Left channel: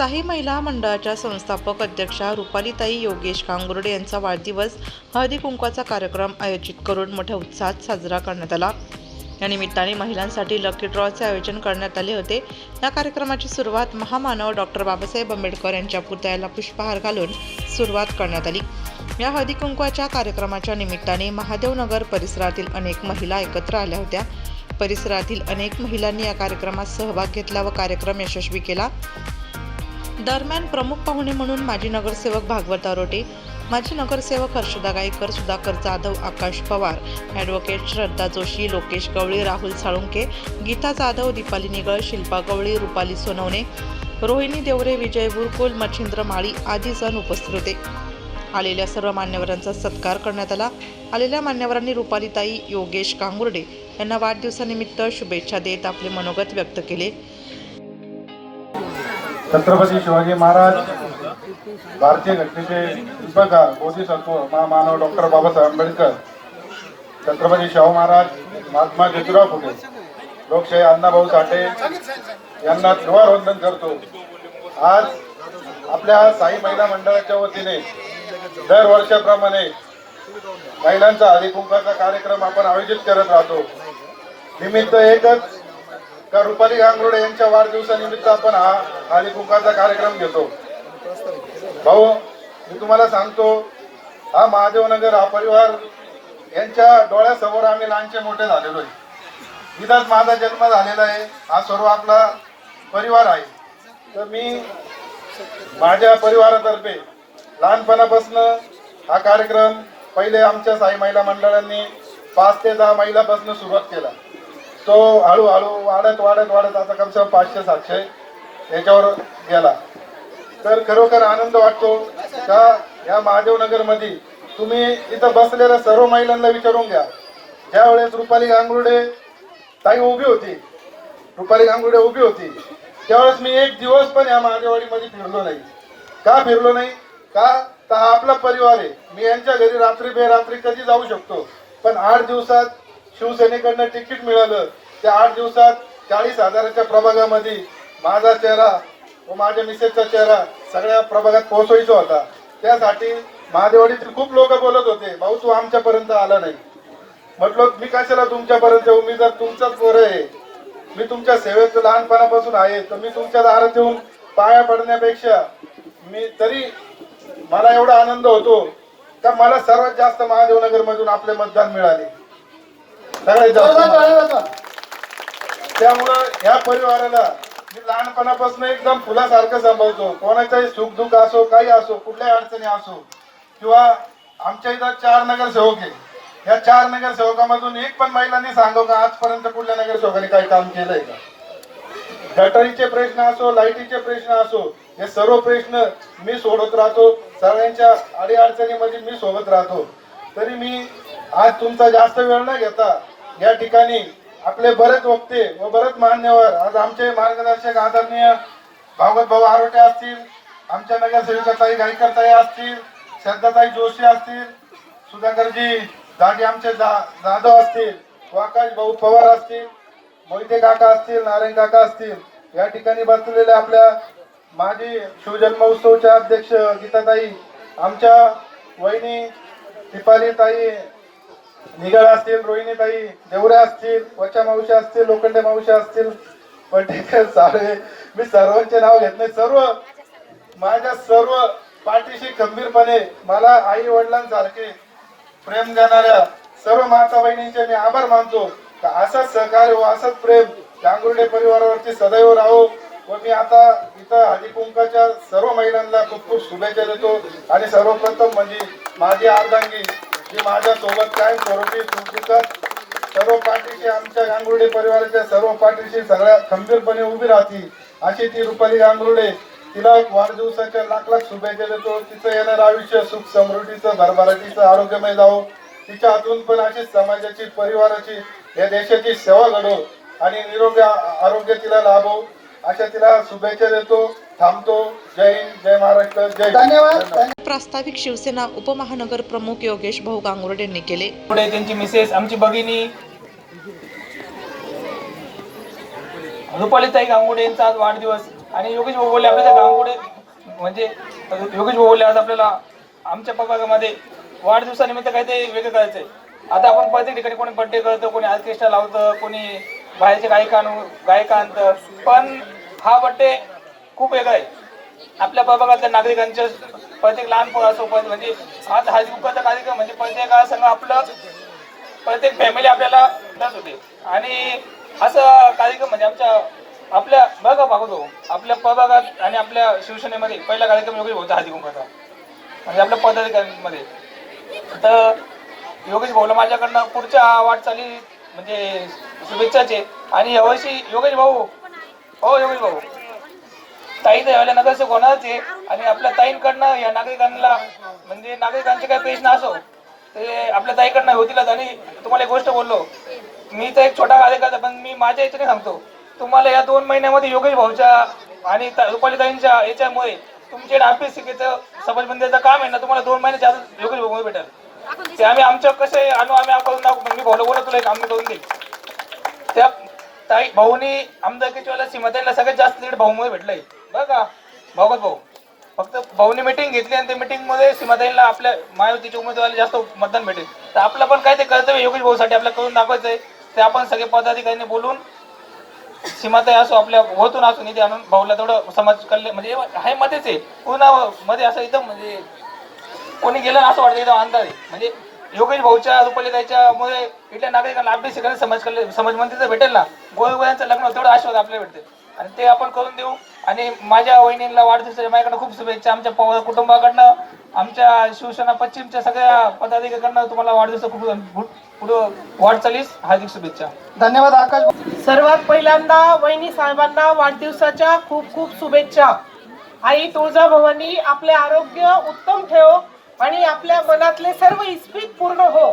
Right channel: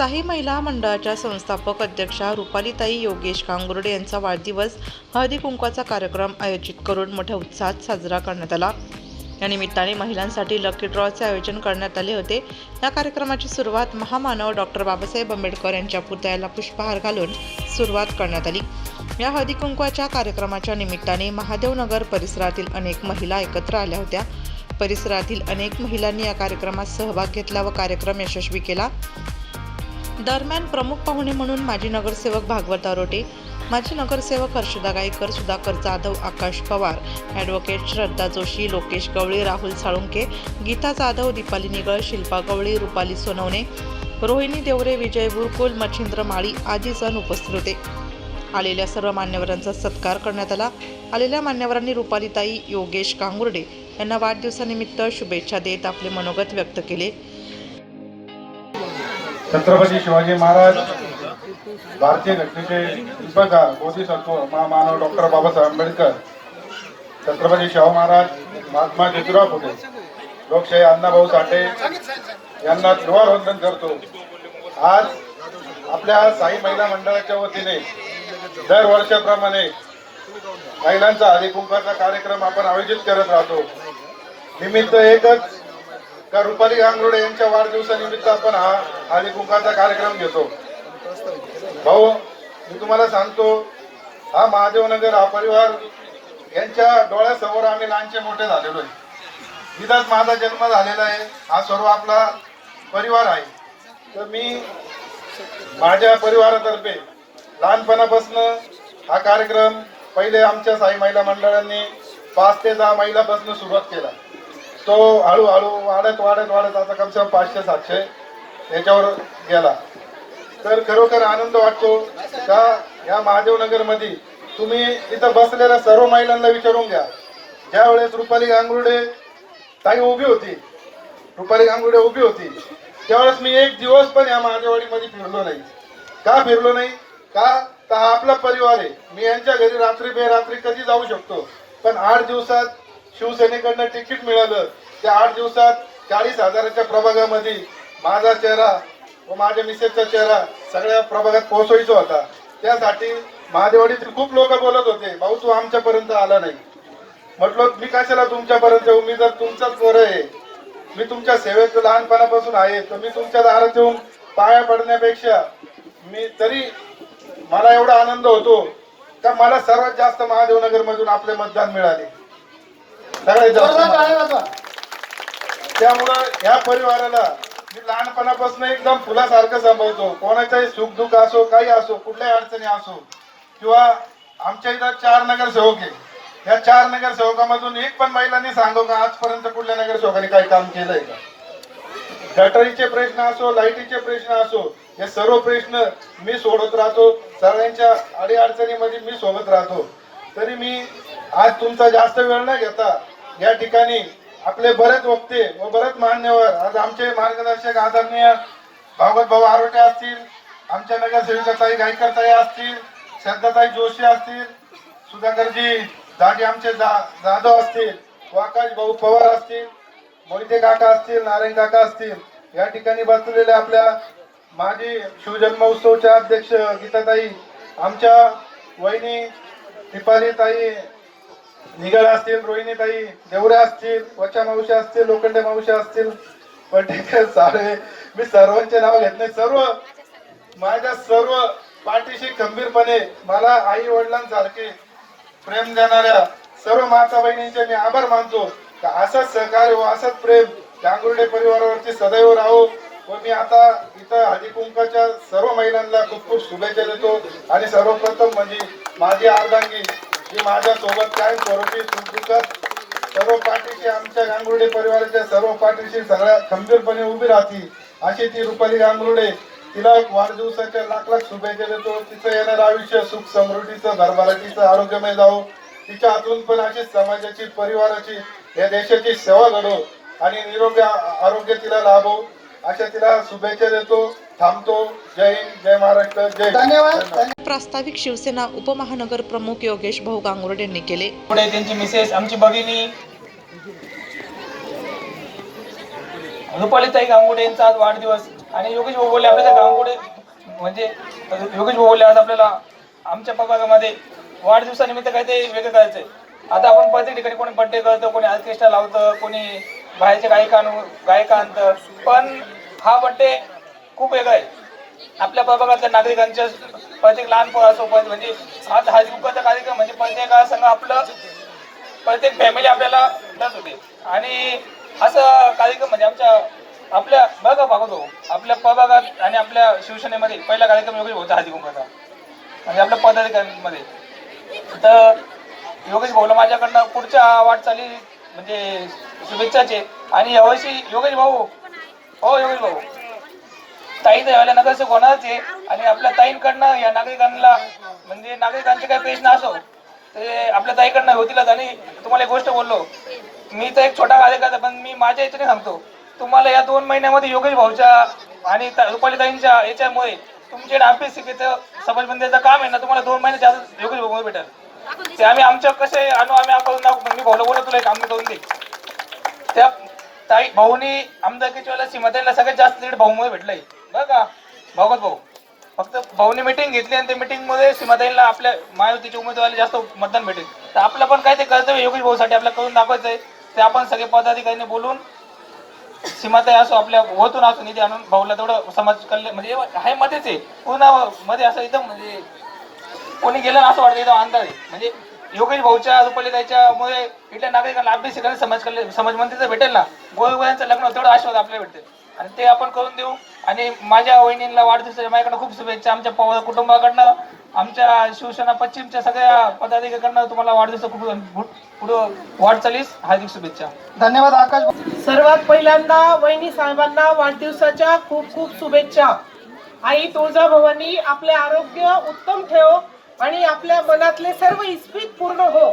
साई महिला मंडळाच्या संस्थापक अध्यक्षा रुपालीताई योगेश कांगुर्डे यांचा वाढदिवस हळदी कुंकवाचा कार्यक्रम आयोजित करून मोठ्या उत्साहात साजरा करण्यात आला। या निमित्ताने महिलांसाठी लकी ड्रॉचे आयोजन करण्यात आले होते। या कार्यक्रमाची सुरुवात महामानव डॉक्टर बाबासाहेब आंबेडकर यांच्या पुतळ्याला पुष्पहार घालून सुरुवात करण्यात आली। या हळदी कुंकवाच्या कार्यक्रमाच्या निमित्ताने महादेवनगर परिसरातील अनेक महिला एकत्र आल्या होत्या। परिसरातील अनेक महिलांनी या कार्यक्रमात सहभाग घेतला व कार्यक्रम यशस्वी केला। दरम्यान प्रमुख पाहुणे म्हणून माजी नगरसेवक भागवत आरोटे, माजी नगरसेवक हर्षदा गायकर, सुधाकर जाधव, आकाश पवार, ॲडव्होकेट श्रद्धा जोशी, लोकेश गवळी, राहुल साळुंके, गीता जाधव, दीपाली निगळ, शिल्पा गवळी, रुपाली सोनवणे, रोहिणी देवरे, विजय बुरकुल, मच्छिंद्र माळी आदी जण उपस्थित होते। आलेल्या सर्व मान्यवरांचा सत्कार करण्यात आला। आलेल्या मान्यवरांनी रुपालीताई योगेश कांगुर्डे यांना वाढदिवसानिमित्त शुभेच्छा देत आपले मनोगत व्यक्त केले। छत्रपती शिवाजी महाराज भारतीय घटनेचे शिल्पकार बोधिसत्व महामानव डॉक्टर बाबासाहेब आंबेडकर, छत्रपती शाहू महाराज, महात्मा ज्योतिराव फुले, लोकशाही अण्णाभाऊ साठे यांना वंदन करतो। आज आपल्या साई महिला मंडळाच्या वतीने दरवर्षाप्रमाणे महिलांचा हळदी कुंकवाचा कार्यक्रम आपण आयोजित करत राहतो। निमित्त एकच का रुपाली कांगुर्डे यांच्या वाढदिवसानिमित्त आपण हा हळदी कुंकवाचा कार्यक्रम घेतो। भाऊ, मी तुम्हाला सांगतो, हा महादेवनगर हा परिवार यांच्या डोळ्यासमोर आम्ही लहानचे मोठे झालेलो आहे। इथंच माझा जन्म झालेला आहे। हा सर्व आपला परिवार आहे। तर मी माझ्या परिवारातर्फे लहानपणापासून हा कार्यक्रम पहिले आमच्या साई महिला मंडळांनी 5 ते 10 महिलापासून सुरुवात केला। तो हळूहळू वाढत आता कम से कम 500-700 याच्यावर गेला। तर खरोखर आनंद वाटतो का या महादेवनगर मध्ये तुम्ही इथं बसलेल्या सर्व महिलांना विचारून घ्या, ज्या वेळेस रुपाली कांगुर्डे उभी होती त्यावेळेस मी एक दिवस पण या महादेववाडीमध्ये फिरलो नाही। का फिरलो नाही? का तर हा आपला परिवार आहे। मी यांच्या घरी रात्री बेरात्री कधी जाऊ शकतो, पण 8 दिवसात शिवसेनेकडनं तिकीट मिळालं। त्या 8 दिवसात 40,000च्या प्रभागामध्ये माझा चेहरा व माझ्या मिसेसचा चेहरा सगळ्या प्रभागात पोहोचवायचा होता। त्यासाठी महादेववाडीतील खूप लोक बोलत होते, भाऊ तू आमच्यापर्यंत आला नाही। म्हटलं मी कशाला तुमच्यापर्यंत येऊ, मी जर तुमचाच पोर आहे, मी तुमच्या सेवेत लहानपणापासून आहे, तर मी तुमच्या दारात येऊन पाया पडण्यापेक्षा तरी मला एवढा आनंद होतो का मला सर्वात जास्त महादेवनगर मधून आपले मतदान मिळाले, सगळ्यात जास्त। त्यामुळे या परिवाराला मी लहानपणापासून एकदम फुलासारखं सांभाळतो। कोणाचाही सुख दुःख असो, काही असो, कुठल्याही अडचणी असो, किंवा आमच्या इथं 4 नगरसेवक आहे। या 4 नगरसेवकामधून एक पण महिलांनी सांगू का आजपर्यंत कुठल्या नगरसेवकाने काही काम केलंय का? गटारीचे प्रश्न असो, लाईटीचे प्रश्न असो, हे सर्व प्रश्न मी सोडत राहतो। सगळ्यांच्या अडीअडचणीमध्ये मी सोबत राहतो। तरी मी आज तुमचा जास्त वेळ न घेता या ठिकाणी आपले बरेच वक्ते व बरेच मान्यवर, आज आमचे मार्गदर्शक आदरणीय भागवत भाऊ आरोटे असतील, आमच्या नगरसेविकाताई गायकरताई असतील, श्रद्धाताई जोशी असतील, सुधाकरजी दादी आमचे जाधव असतील, आकाश भाऊ पवार असतील, मोहिते काका असतील, नारायण काका असतील, या ठिकाणी बसलेले आपल्या माजी शिवजन्म उत्सवच्या अध्यक्ष गीताताई, आमच्या वहिनी दीपालीताई निगळ असतील, रोहिणीताई देवरे असतील, वचा मावशी असतील, लोखंडे मावशी असतील, पटेकर सारे, मी सर्वांचे नाव घेत नाही। सर्व माझ्या सर्व पाठीशी खंबीरपणे मला आई वडिलांसारखे प्रेम देणाऱ्या सर्व माता बहिणींचे मी आभार मानतो। असंच सहकार्य व असंच प्रेम कांगुर्डे परिवारावरती सदैव राहो। व मी आता इथं हळदी कुंकवाच्या सर्व महिलांना खूप खूप शुभेच्छा देतो। आणि सर्वप्रथम म्हणजे माझी अर्धांगी जी माझ्या सोबत काय स्वरूपी सुखदुःखात सर्व पाठीशी, आमच्या कांगुर्डे परिवाराच्या सर्व पाठीशी सगळ्या खंबीरपणे उभी राहतील अशी ती रुपाली कांगुर्डे, तिला वाढदिवसाच्या लाख शुभेच्छा देतो। तिचं येणारं आयुष्य सुख समृद्धीचं, भरभराटीचं, आरोग्यमय जावो। तिच्या हातून पण अशी समाजाची, परिवाराची, या देशाची सेवा घडो आणि निरोगी आरोग्य तिला लाभो अशा तिला शुभेच्छा देतो। थांबतो। जय हिंद, जय महाराष्ट्र, जय धन्यवाद। प्रास्ताविक शिवसेना उपमहानगर प्रमुख योगेश भाऊ कांगुर्डे यांनी केले। त्यांची मिसेस, आमची भगिनी रुपालीताई कांगुर्डे यांचा आज वाढदिवस। आणि योगेश भाऊ बोलले आपल्या गांगुर्डे म्हणजे योगेश भाऊ बोलले आज आपल्याला आमच्या प्रभागामध्ये वाढदिवसानिमित्त काय ते वेगळं करायचंय. आता आपण प्रत्येक ठिकाणी कोणी बर्थडे करतो, कोणी ऑर्केस्ट्रा लावतं, कोणी बाहेरचे गायक आणतं, पण हा बर्थडे खूप वेगळा आहे. आपल्या प्रभागातल्या नागरिकांच्या प्रत्येक लहान असो म्हणजे आता हा दुःखाचा कार्यक्रम म्हणजे प्रत्येकासंग आपलं प्रत्येक फॅमिली आपल्याला टच होते. आणि असं कार्यक्रम म्हणजे आपल्या बघा बघतो आपल्या प्रभागात आणि आपल्या शिवसेनेमध्ये पहिला कार्यक्रम योगेश होता हळदी कुंकवाचा म्हणजे आपल्या पदाधिकाऱ्यांमध्ये. तर योगेश भाऊला माझ्याकडनं पुढच्या वाटचाली म्हणजे शुभेच्छाचे. आणि यावर्षी योगेश भाऊ ताई तर यावेळेला नगरसेवक होणारच आहे. आणि आपल्या ताईंकडनं या नागरिकांना म्हणजे नागरिकांचे काही प्रश्न असो ते आपल्या ताईकडनं होतीलच. आणि तुम्हाला एक गोष्ट बोललो, मी तर एक छोटा कार्यकर्ता पण मी माझ्या याच्याने सांगतो, तुम्हाला या 2 महिन्यामध्ये योगेश भाऊच्या आणि रुपाली ताईंच्या याच्यामुळे तुमचे अभ्यासिकेचं सबलबंदीचं काम आहे ना, तुम्हाला 2 महिने जास्त योगेश भाऊ भेटेल. ते आम्ही आमच्या कसे आणू आम्ही करून दाखवू. मी भाऊला बोला तुला एक आम्ही करून दे. त्या ताई भाऊनी आमदारकीच्या वेळेला सीमाताईला सगळ्यात जास्त लीड भाऊमुळे भेटलंय बरं का. भाऊ फक्त भाऊनी मिटिंग घेतली आणि त्या मिटिंग मध्ये सीमाताईला आपल्या महायुतीच्या उमेदवाराला जास्त मतदान भेटेल. तर आपलं पण काय ते कर्तव्य योगेश भाऊसाठी आपल्याला करून दाखवायचं आहे. ते आपण सगळे पदाधिकाऱ्यांनी बोलून सीमाताई असो आपल्या होतून असो निधी आणून भाऊला तेवढं समाज कल्याण म्हणजे हे मध्येच आहे पुन्हा मध्ये असं एकदम म्हणजे कोणी गेलं असं वाटतं एकदम अंदाज आहे. म्हणजे योगेश भाऊच्या रुपाली त्याच्यामुळे इथल्या नागरिकांना अभ्यासिकांना समाज मंत्रीचं भेटेल ना, गोरगरिबांचं लग्न तेवढं आशीर्वाद आपल्याला भेटेल आणि ते आपण करून देऊ. आणि माझ्या वहिनीला वाढदिवसाच्या माझ्याकडनं खूप शुभेच्छा. आमच्या कुटुंबाकडनं आमच्या शिवसेना पश्चिमच्या सगळ्या पदाधिकाऱ्यांकडनं तुम्हाला वाढदिवस खूप पुढं वाटचालीस हार्दिक शुभेच्छा. धन्यवाद आकाश. सर्वात पहिल्यांदा वहिनी साहेबांना वाढदिवसाच्या खूप खूप शुभेच्छा. आई तुळजाभवानी आपले आरोग्य उत्तम ठेव आणि आपल्या मनातले सर्व इच्छित पूर्ण हो.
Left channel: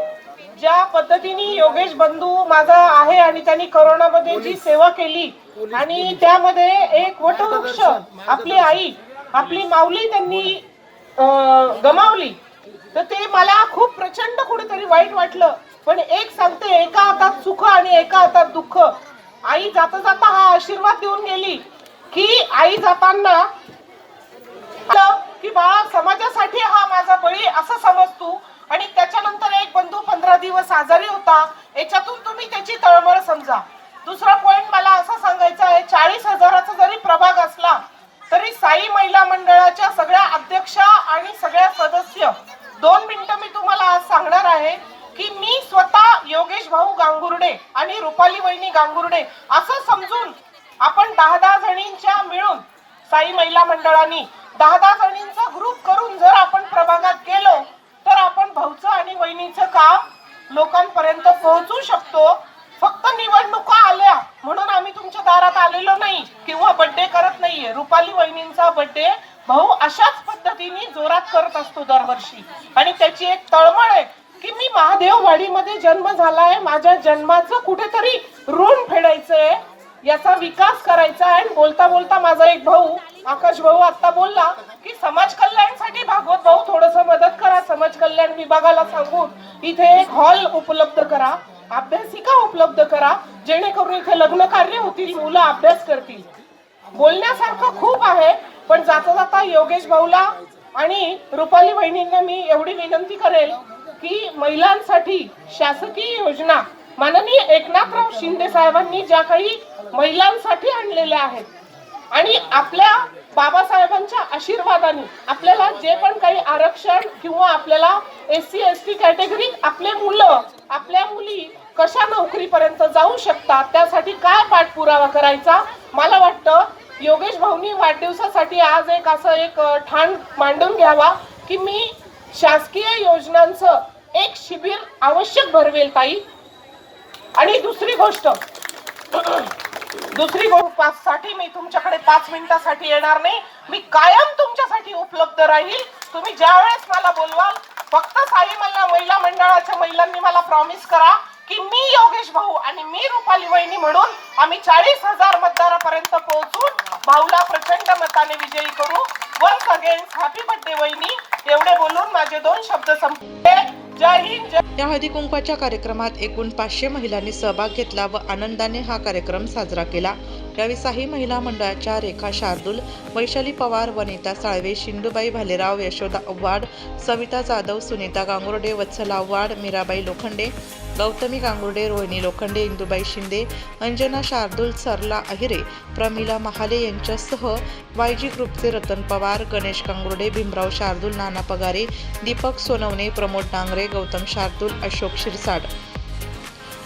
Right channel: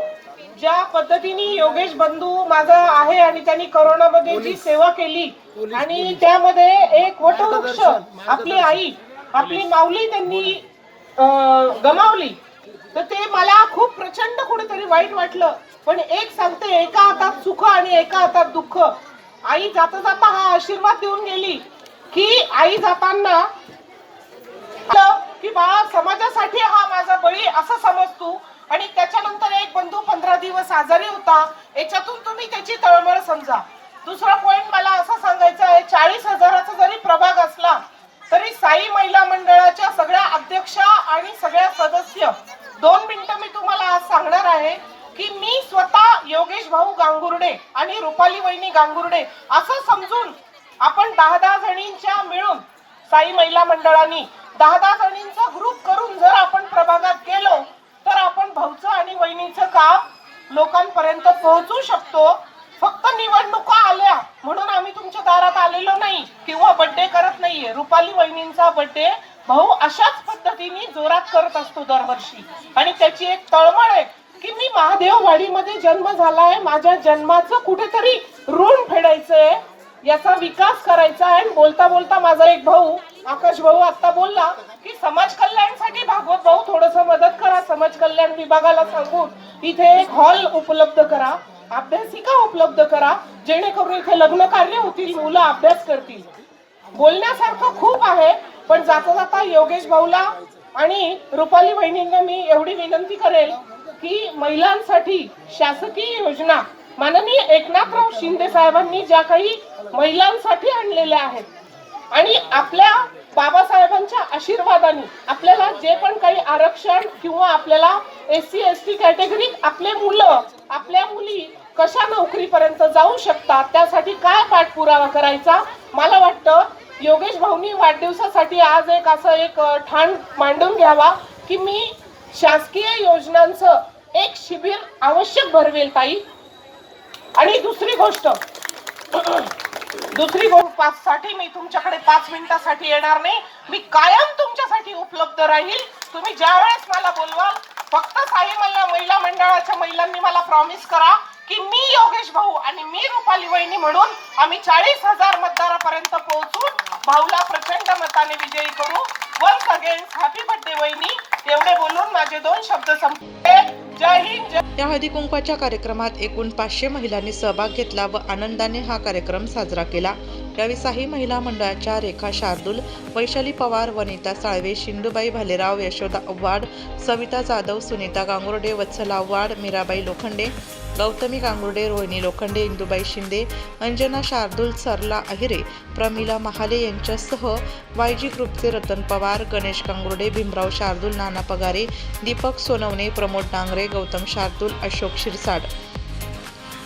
ज्या पद्धतीने योगेश बंधू माझा आहे आणि त्यांनी करोनामध्ये जी सेवा केली आणि त्यामध्ये एक वटवृक्ष आपली आई आपली माऊली त्यांनी गमावली, तर ते मला खूप प्रचंड कुठेतरी वाईट वाटलं. पण एक सांगते, एका हातात सुख आणि एका हातात दुःख. आई जाता जाता हा आशीर्वाद देऊन गेली की आई जाताना की बाळा समाजासाठी हा माझा बळी असं समज तू. आणि त्याच्यानंतर एक बंधू 15 दिवस आजारी होता, याच्यातून तुम्ही त्याची तळमळ समजा. दुसरा पॉइंट मला असं सांगायचं आहे, 40,000चा जरी प्रभाग असला तरी साई महिला मंडळाच्या सगळ्या अध्यक्षा आणि सगळ्या सदस्य 2 मिनिटं मी तुम्हाला आज सांगणार आहे की मी स्वतः योगेश भाऊ गांगुर्डे आणि रुपाली वहिनी गांगुर्डे असं समजून आपण 10-10 जणींच्या मिळून साई महिला मंडळाने 10-10 जणींचा ग्रुप करून जर आपण प्रभागात गेलो तर आपण भाऊचं आणि वहिनीचं काम लोकांपर्यंत पोहोचू शकतो. फक्त निवडणुका आल्या म्हणून आम्ही तुमच्या दारात आलेलो नाही किंवा बर्थडे करत नाहीये. रुपाली वहिनींचा बर्थडे भाऊ अशाच पद्धतीने जोरात करत असतो दरवर्षी. आणि त्याची एक तळमळ आहे की मी महादेववाडीमध्ये जन्म झालाय, माझ्या जन्माचं कुठेतरी ऋण फेडायचंय, याचा विकास करायचा आहे. बोलता बोलता माझा एक भाऊ आकाश भाऊ आता बोलला की समाज कल्याणसाठी भागवत भाऊ थोडस मदत करा, समाज कल्याण विभागाला सांगून इथे एक हॉल उपलब्ध करा, अभ्यासिका उपलब्ध करा, जेणेकरून इथे लग्न कार्य होतील, मुलं अभ्यास करतील. बोलण्यासारखं खूप आहे, पण जाता जाता योगेश भाऊला आणि रुपाली वहिनींना मी एवढी विनंती करेल की महिलांसाठी शासकीय योजना माननीय एकनाथराव शिंदे साहेबांनी ज्या काही महिलांसाठी आणलेल्या आहेत आणि आपल्या बाबासाहेबांच्या आशीर्वादाने आपल्याला जे पण काही आरक्षण किंवा आपल्याला SC ST कॅटेगरीत आपले मुलं आपल्या मुली कशा नोकरीपर्यंत जाऊ शकतात, त्यासाठी काय पाठपुरावा करायचा. मला वाटतं योगेश भाऊनी वाढदिवसासाठी आज एक ठाण मांडून घ्यावा की मी शासकीय योजनांचं एक शिबिर आवश्यक भरवेल ताई. आणि दुसरी गोष्ट साठी मी तुमच्याकडे 5 मिनिटासाठी येणार नाही, मी कायम तुमच्यासाठी उपलब्ध राहील. तुम्ही ज्या वेळेस मला बोलवाल फक्त साई महिला मंडळाच्या महिलांनी मला प्रॉमिस करा की मी योगेश भाऊ आणि मी रुपाली वहिनी म्हणून आम्ही 40,000 मतदारापर्यंत पोहोचून भाऊला प्रचंड मताने विजयी करू. वन्स अगेन हॅपी बर्थडे वहिनी. एवढे बोलून माझे 2 शब्द संपले. जय हिंद. या हळदी कुंकवाच्या कार्यक्रमात एकूण 500 महिलांनी सहभाग घेतला व आनंदाने हा कार्यक्रम साजरा केला. यावेळी साही महिला मंडळाच्या रेखा शार्दूल, वैशाली पवार, वनिता साळवे, शिंदूबाई भालेराव, यशोदा आव्हाड, सविता जाधव, सुनीता गांगुर्डे, वत्सला आव्हाड, मीराबाई लोखंडे, गौतमी गांगुर्डे, रोहिणी लोखंडे, इंदुबाई शिंदे, अंजना शार्दूल, सरला अहिरे, प्रमिला महाले यांच्यासह वायजी ग्रुपचे रतन पवार, गणेश गांगुर्डे, भीमराव शार्दूल, नाना पगारे, दीपक सोनवणे, प्रमोद डांगरे, गौतम शार्दूल, अशोक शिरसाड,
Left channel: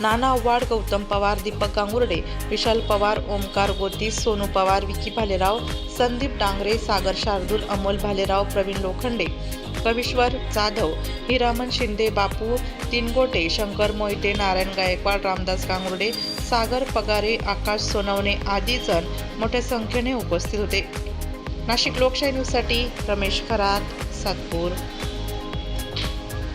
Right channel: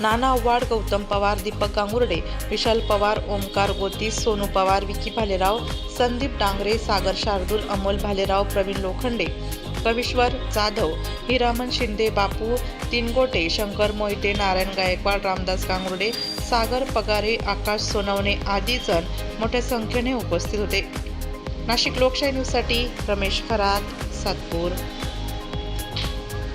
नाना आव्हाड, गौतम पवार, दीपक गांगुर्डे, विशाल पवार, ओमकार गोतीस, सोनू पवार, विकी भालेराव, संदीप डांगरे, सागर शार्दूल, अमोल भालेराव, प्रवीण लोखंडे, कविश्वर जाधव, हिरामन शिंदे, बापू तिनगोटे, शंकर मोहिते, नारायण गायकवाड, रामदास गांगुर्डे, सागर पगारे, आकाश सोनवणे आदी जण मोठ्या संख्येने उपस्थित होते. नाशिक लोकशाही न्यूजसाठी रमेश खरात, सातपूर.